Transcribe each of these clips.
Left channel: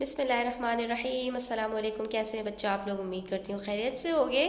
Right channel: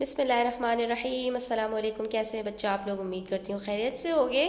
बिस्मिल्लाहिर्रहमानिर्रहीम। अस्सलाम वालेकुम। कैसे हैं बच्चा आप लोग? उम्मीद करती हूँ खैरियत से होगे।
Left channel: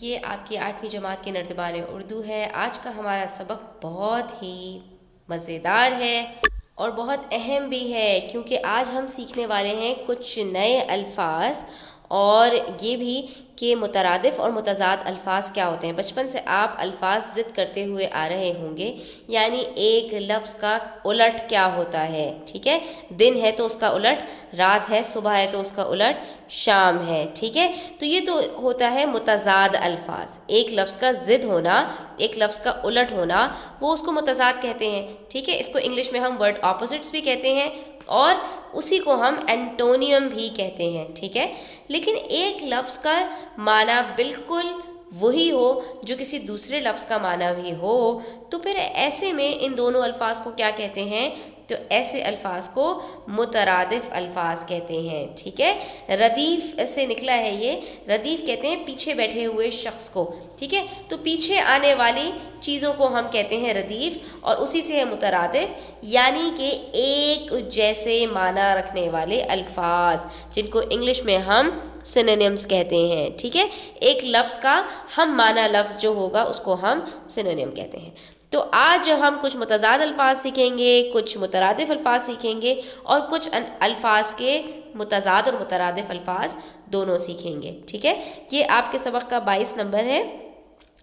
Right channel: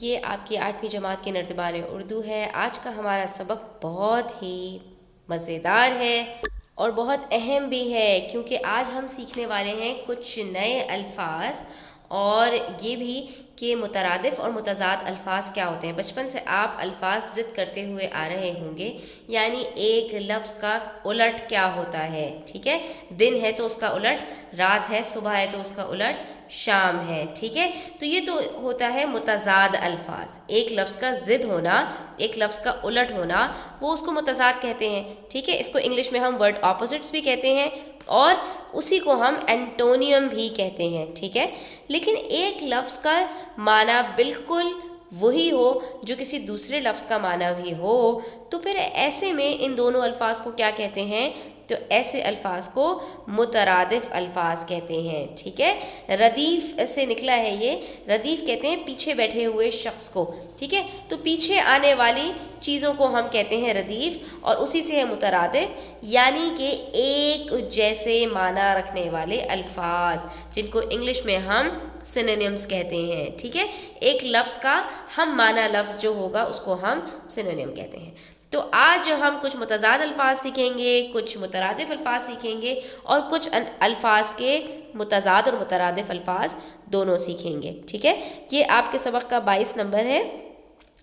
ये आपकी 8वीं जमात के नर्दबान उर्दू है। आज का हमारा सबक बहुत ही मज़ेदार है और बहुत अहम भी है, क्योंकि आज हम सीखने वाले हैं कुछ नए अल्फाज, और ये भी कि मुतरादिफ और मुतज़ाद अल्फाज क्या होते हैं। बचपन से आप अल्फाज ज़िद करते हुए आ रहे होंगे, यानी एक लफ्ज़ का उलट क्या होता है। ठीक है, दिन है तो उसका उलट रात है, सुबह है तो उसका उलट शाम है। ठीक है, तो ये तो होता है मुतज़ाद अल्फाज। एक लफ्ज़ का ज़िद होना, एक लफ्ज़ का उलट होना, वो उसको मुतज़ाद कहते हैं। ठीक है, इसको इंग्लिश में हम वर्ड ऑपोजिट्स भी कहते हैं और उसी को हम एंटोनियम भी कहते हैं। ठीक है, लेकिन एक लफ्ज़ का माना बिल्कुल वही हो जो किसी दूसरे लफ्ज़ का माना भी हो, तो फिर ऐसे में इन दोनों अल्फाज को क्या कहते हैं? तो ऐसे अल्फाज को मुतरादिफ अल्फाज कहते हैं। ठीक है, रदीफ़ से निकला है ये। रदीफ़ कहते हैं पीछे बैठे हुए शख्स को। ठीक है, तो पीछे आने वाली चीज़ों को हम कहते हैं रदीफ़, और उसी से है मुतरादिफ, यानी कि एक जैसे माना रखने वाले अल्फाज, जिनको इंग्लिश में हम सिनोनिम्स कहते हैं। ठीक है, एक लफ्ज़ का हम माना लफ्ज़ जो होगा उसको हम सिनोनिम कहते हैं। तो आज हम कुछ मुतज़ाद अल्फाज सीखेंगे, कुछ मुतरादिफ अल्फाज सीखेंगे, और कुछ अल्फाज के मुतज़ाद और मुतरादिफ अल्फाज दोनों सीखेंगे। ठीक है, ये आपके सबक का 22 नंबर है,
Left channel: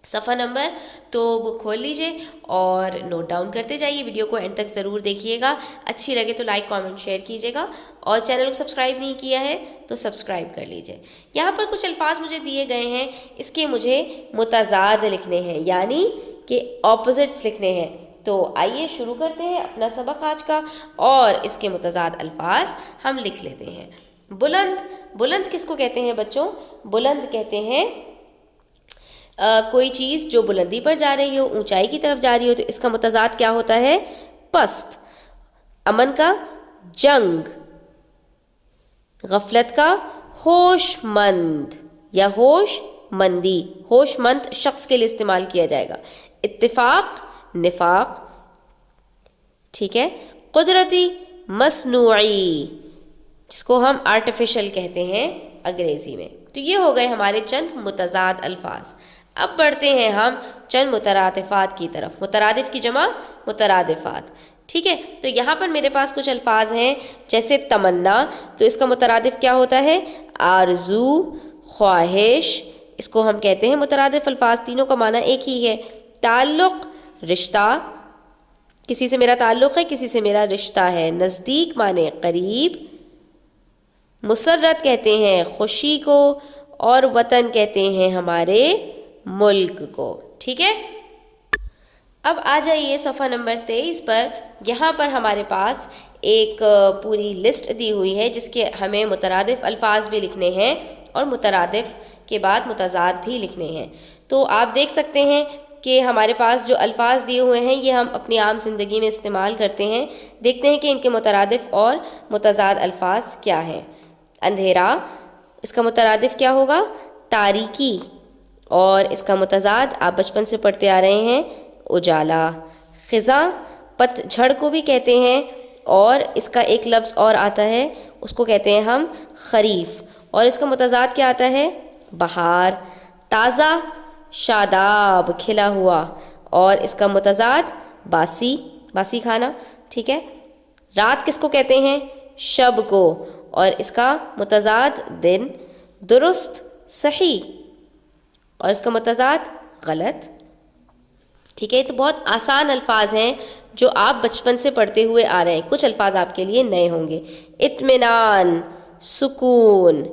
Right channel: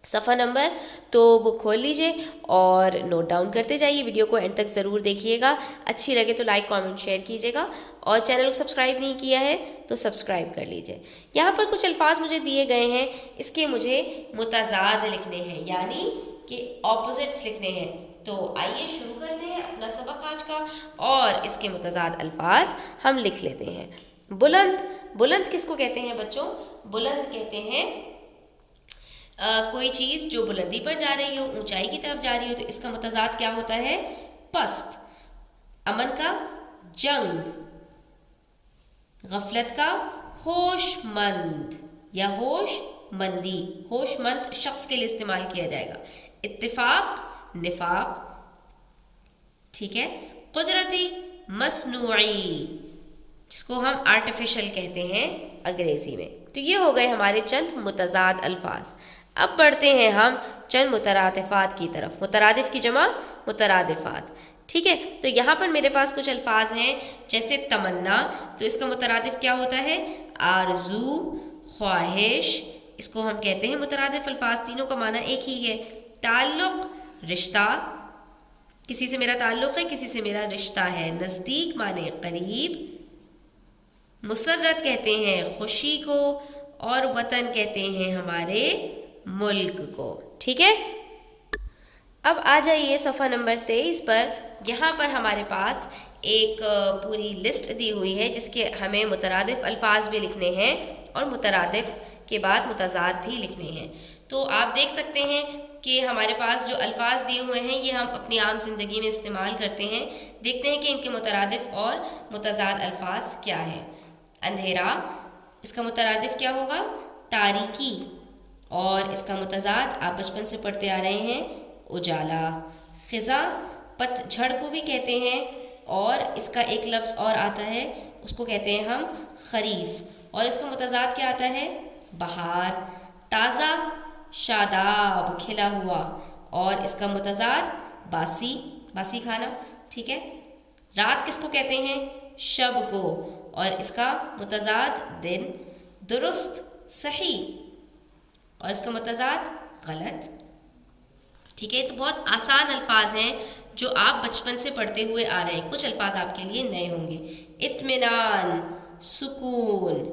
सफ़ा नंबर, तो वो खोल लीजिए और नोट डाउन करते जाइए। वीडियो को एंड तक ज़रूर देखिएगा। अच्छी लगे तो लाइक कमेंट शेयर कीजिएगा, और चैनल को सब्सक्राइब नहीं किया है तो सब्सक्राइब कर लीजिए। यहाँ पर कुछ अल्फाज मुझे दिए गए हैं, इसके मुझे मुतज़ाद लिखने हैं, यानी कि ऑपोजिट्स लिखने हैं। तो आइए शुरू करते हैं अपना सबक आज का, और इसके मुतज़ाद अल्फाज हम लिख लेते हैं। बुलंद। बुलंद किसको कहते हैं बच्चों? बुलंद कहते हैं कोई चीज़ जो बुलंदी पर जा रही हो, ऊंचाई की तरफ जा रही हो, तो इसका मुतज़ाद क्या होता है? पस्त। अमन का जंग, गफलत का होशमंद या होशमंदी, होशमंद शख्स के लिए इस्तेमाल किया जाएगा। इत्तिफाक निफाक। ठीक है, कुदरती मसनूई, जिसको हम आर्टिफिशियल कहते हैं अंग्रेज़ी में। तो ये हो गए हमारे चंद मुतज़ाद अल्फाज। अब बढ़ते हैं हम चंद मुतरादिफ़ात की तरफ। मुतरादिफ़ की जमा मुतरादिफ़ात। ठीक है, तो यहाँ पर मेरे पास कुछ अल्फाज हैं, जैसे तमन्ना, तो इसका मुतरादिफ़ क्या होता है? आरज़ू, ख्वाहिश, इसको हम कहते हैं मुतरादिफ़ अल्फाज। तीनों का माना एक ही है। ताल्लुक़, रिश्ता, किसी से मेरा ताल्लुक़ है, किसी से मेरा रिश्ता है। नज़दीक माने करीब। मुसर्रत कहते हैं खुशी को, और वतन कहते हैं हमारे मुल्क को। ठीक है, अब आ जाइए सफ़ा नंबर 23 पर। यहाँ पर हमारे पास एक पूरी लिस्ट दी हुई है, जिसके हमें मुतरादिफ़ अल्फाज भी लिखने हैं और मुतरादिफ़ के बाद मुतज़ाद भी लिखने हैं। तो आप देख सकते हैं कि हमारे पास जो अल्फाज दिए हुए हैं ये हम अपनी आम ज़िंदगी में इस्तेमाल करते हैं। देखते हैं कि इनके मुतरादिफ़ और मुतज़ाद अल्फाज क्या हैं। अंधेरा, इसका मुतरादिफ़ क्या होगा? तारीकी, और इसका मुतज़ाद आप बचपन से पढ़ते आ रहे हैं, उजाला। ख़िज़ा, पतझड़ को भी कहते हैं, और इसका एक लफ्ज़ और आता है, उसको कहते हैं हम खरीफ, और इसका मुतज़ाद क्या आता है? बहार। ताज़ा, शादाब, खिला हुआ, और इसका मुतज़ाद बासी, बासी खाना। ठीक है, रात किसको कहते हैं? शब को, और इसका मुतज़ाद दिन। दुरुस्त, सही, और इसका मुतज़ाद गलत। ठीक है, तो बहुत आसान अल्फाज हैं जो आप बचपन से पढ़ते हुए आ रहे हैं। कुछ अल्फाज आपके लिए नए होंगे। इत्मीनान, सुकून,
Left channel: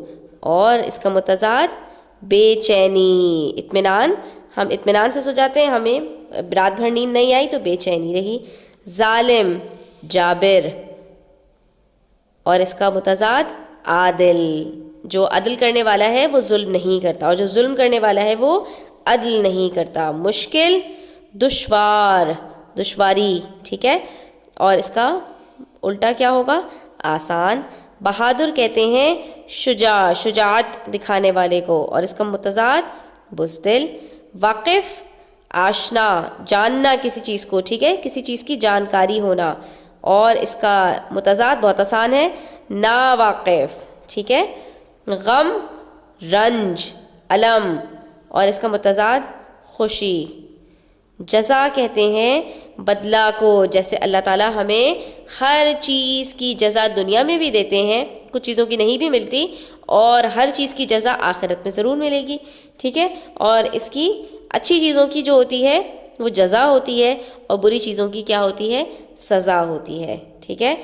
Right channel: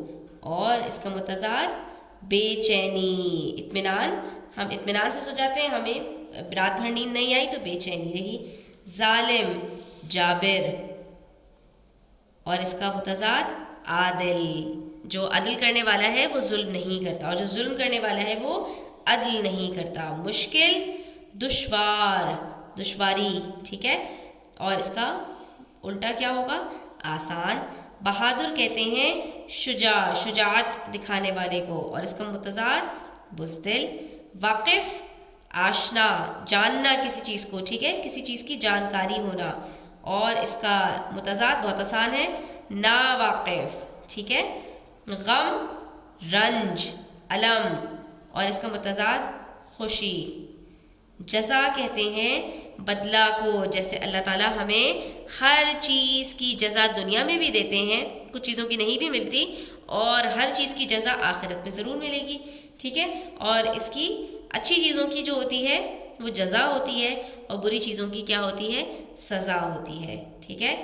और इसका मुतज़ाद बेचैनी। इत्मीनान, हम इत्मीनान से सो जाते हैं, हमें रात भर नींद नहीं आई तो बेचैनी रही। जालिम, जाबिर, और इसका मुतज़ाद आदिल, जो अदल करने वाला है वो जुल्म नहीं करता, और जो जुल्म करने वाला है वो अदल नहीं करता। मुश्किल, दुश्वार, दुश्वारी। ठीक है, और इसका उल्टा क्या होगा? आसान। बहादुर कहते हैं शुजा, शुजाअत दिखाने वाले को, और इसका मुतज़ाद बुज़दिल। वाक़िफ़, आशना, जानना किसी चीज़ को। ठीक है, किसी चीज़ की जानकारी होना, और इसका मुतज़ाद बहुत आसान है, ناواقف، ٹھیک ہے. غم رنج، الم، اور اس کا متضاد خوشی. جزا کہتے ہیں بدلہ کو، جیسے اللہ تعالیٰ ہمیں ہر چیز کی جزا دنیا میں بھی دیتے ہیں، کچھ چیزوں کی نہیں بھی ملتی، اور ہر چیز کی جزا آخرت میں ضرور ملے گی، ٹھیک ہے. اور اس کی اچھی چیزوں کی جو ہوتی ہے وہ جزا ہوتی ہے، اور بری چیزوں کی کیا ہوتی ہے؟ سزا ہوتی ہے، ٹھیک ہے.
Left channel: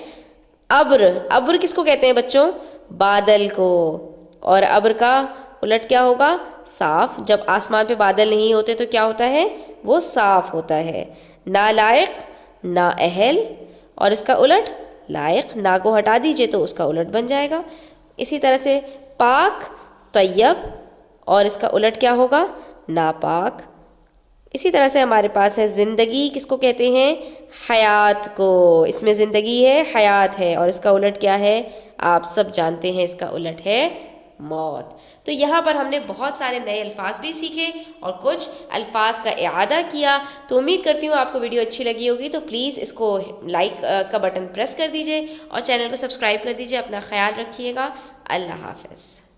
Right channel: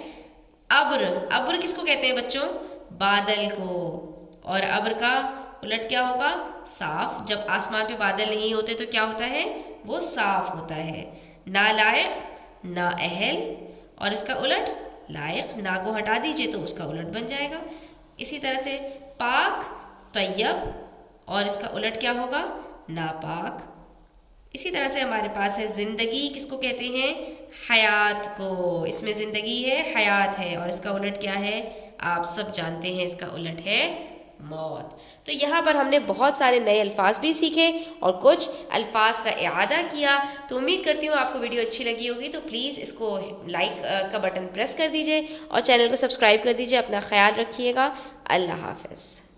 ابر، ابر کس کو کہتے ہیں بچوں؟ بادل کو. اور ابر کا الٹ کیا ہوگا؟ صاف. جب آسمان پہ بادل نہیں ہوتے تو کیا ہوتا ہے؟ وہ صاف ہوتا ہے. نالائق، نااہل، اور اس کا الٹ لائق. نا کو ہٹا دیجئے تو اس کا الٹ بن جائے گا. اسی طرح سے پاک، طیب، اور اس کا الٹ کیا ہوگا؟ ناپاک. اسی طرح سے ہمارے پاس ہے زندگی، کس کو کہتے ہیں؟ حیات کو. اس میں زندگی ہے، حیات ہے، اور اس کا الٹ کیا ہے؟ آپ سب جانتے ہیں، اس کا الٹ ہے موت. تو یہاں پر ہم نے بہت سارے نئے الفاظ بھی سیکھے اور کچھ الفاظ کا اعادہ کیا. تو امید کرتی ہوں آپ کو ویڈیو اچھی لگی ہوگی. تو پلیز اس کو لائک کا بٹن پریس کر دیجئے اور چینل کو سبسکرائب کر دیجئے. اپنا خیال رکھیے گا. اللہ حافظ.